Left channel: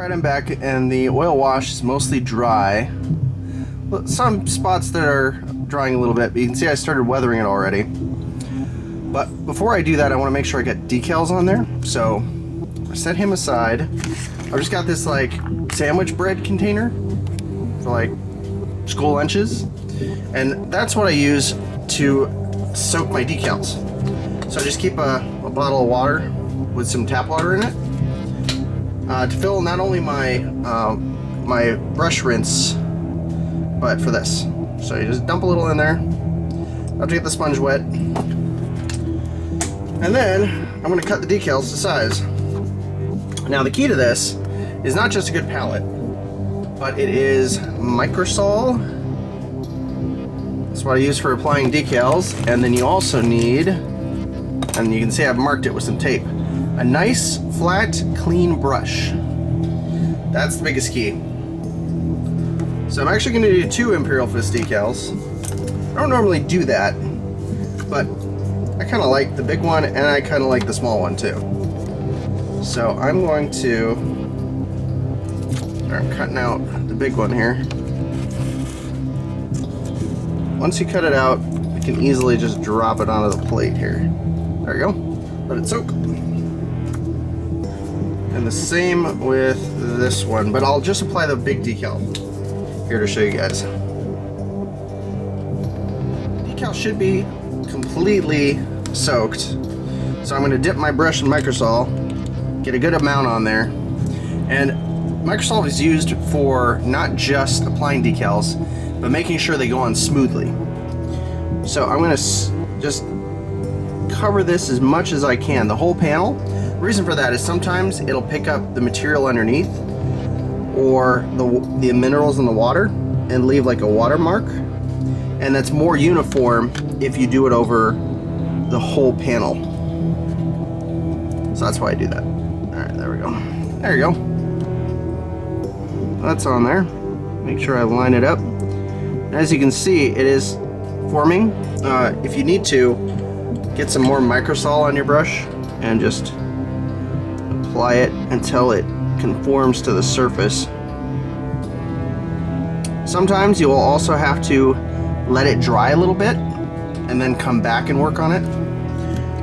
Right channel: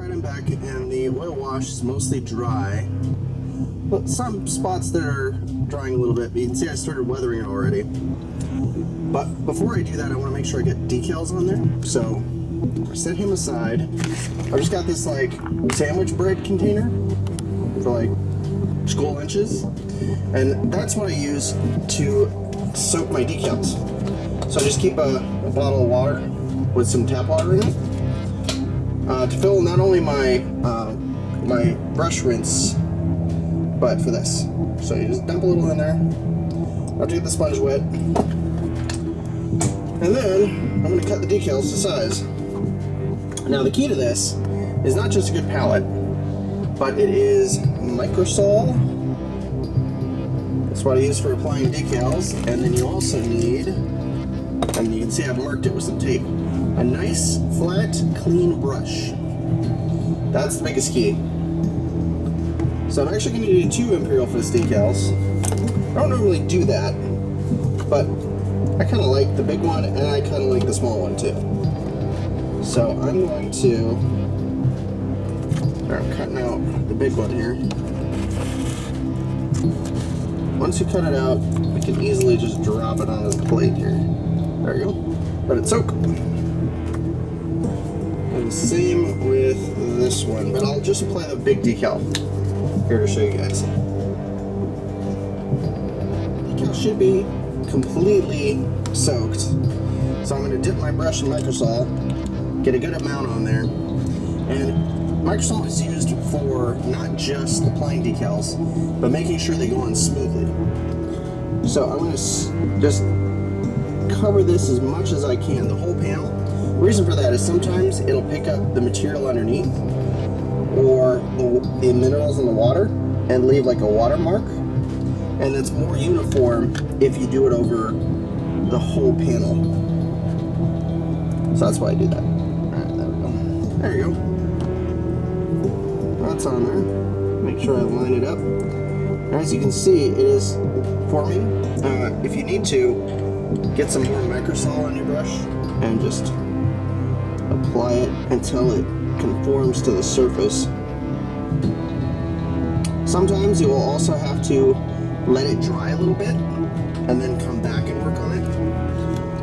Alright, I'm back, and the oil wash is mostly dry. But some spots that are drying a little bit, but you can see I started weathering it already. But before I do that, I want to make sure I get decals on there. So I set him aside. I've just got this like sandwich bread container for like skull inches, and that's what I use to soak my decals. So I just keep a bottle of water with some tap water in it to fill not only my my brush rinse, but for this. So you just dump a little in there. I'll get the sponge wet, and then I'm going to cut the decals to size. Now the key to this is not just a good palette, but it is microsol. That's what I use for applying decals. And then you also need, and you can see I've marked it with some tape, a nice flat clean brush. That's the biggest key. So I'm actually going to do 2 Imperial Fist decals. I don't normally do that, but I kind of like the big one, and I kind of like the small one too. So I'm going to, I'm cutting out the big one here. Once you cut it out, you can easily just drop it onto the plate here. There you go. Let it soak. And the same with this one, but I'll just apply the big decal here to show you guys. Decal should be completely soaked, so I'm going to dip my brush in microsol, get a good amount on there. And microsol is used for not just applying decals, but making sure they go on smoothly. So I'm going to just cover this as much as I can, the whole panel. The reason for that is sometimes it'll pick up the material underneath or the minerals in the water and leave like a watermark, and that's more uniform if you do it over the whole panel. So that's why I do that. Alright, there we go. There you go. That's on there. Make sure I line it up. And as you can see, it is forming. If you need to, get some more microsol on your brush and just apply it until it conforms to the surface. Sometimes you will also have to let it dry a little bit and then come back and work on it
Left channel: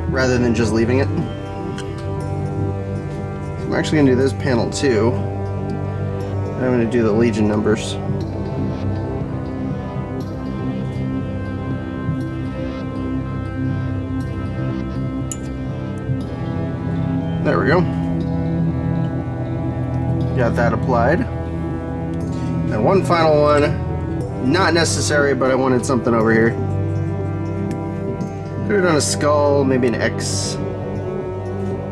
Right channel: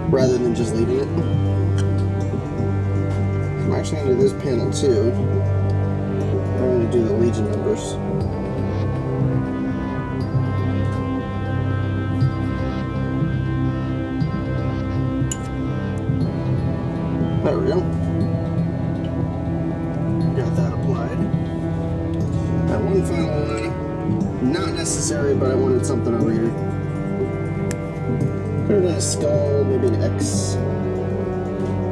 rather than just leaving it. So I'm actually going to do this panel too. I'm going to do the Legion numbers. There we go. Got that applied. And one final one, not necessary, but I wanted something over here. Could have done a skull, maybe an X.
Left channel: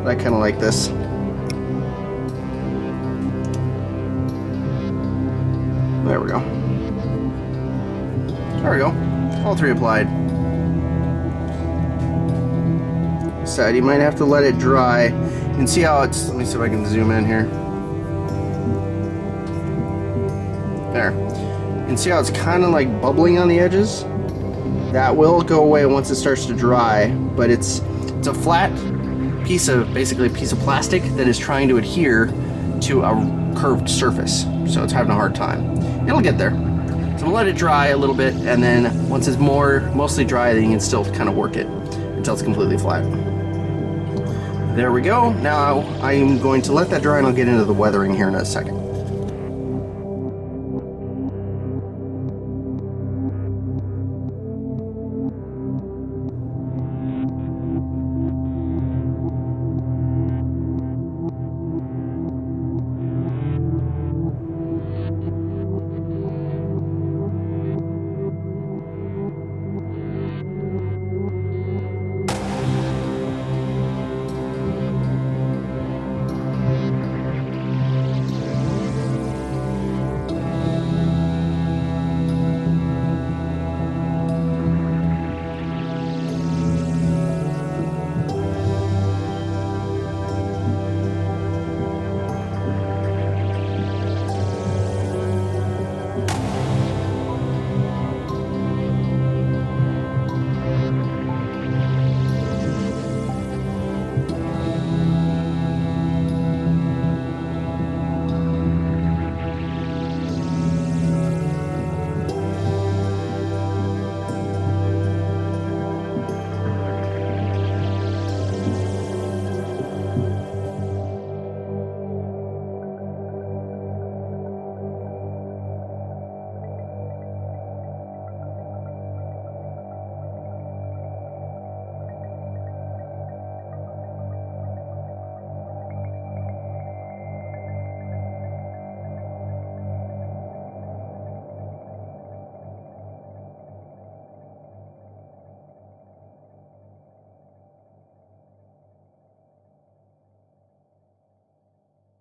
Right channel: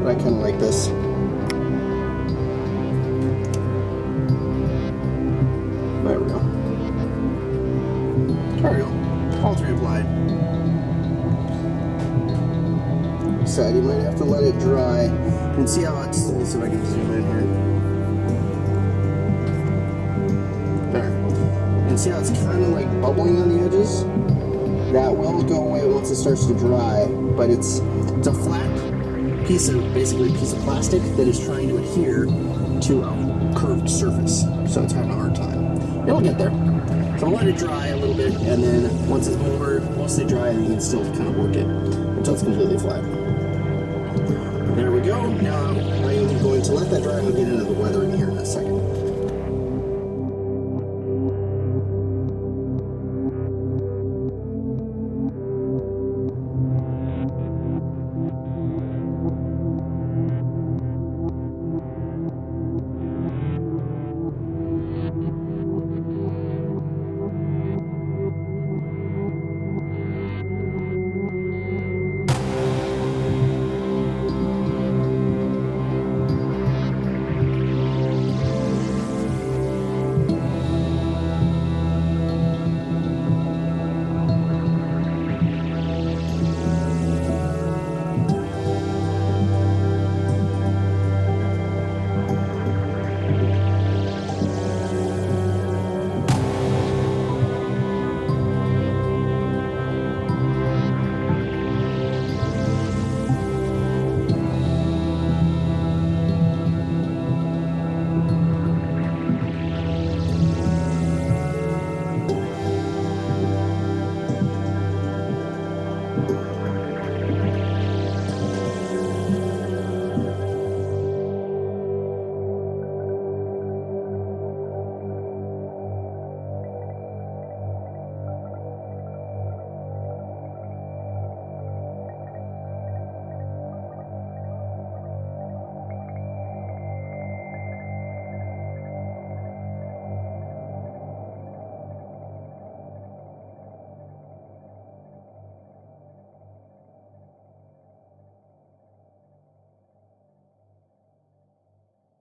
But I kind of like this. There we go. There we go. All 3 applied. Side, you might have to let it dry and see how it's. Let me see if I can zoom in here. There. And see how it's kind of like bubbling on the edges? That will go away once it starts to dry, but it's a flat piece of, basically a piece of plastic that is trying to adhere to a curved surface. So it's having a hard time. It'll get there. So we'll let it dry a little bit, and then once it's mostly dry, then you can still kind of work it until it's completely flat. There we go. Now I'm going to let that dry, and I'll get into the weathering here in a second.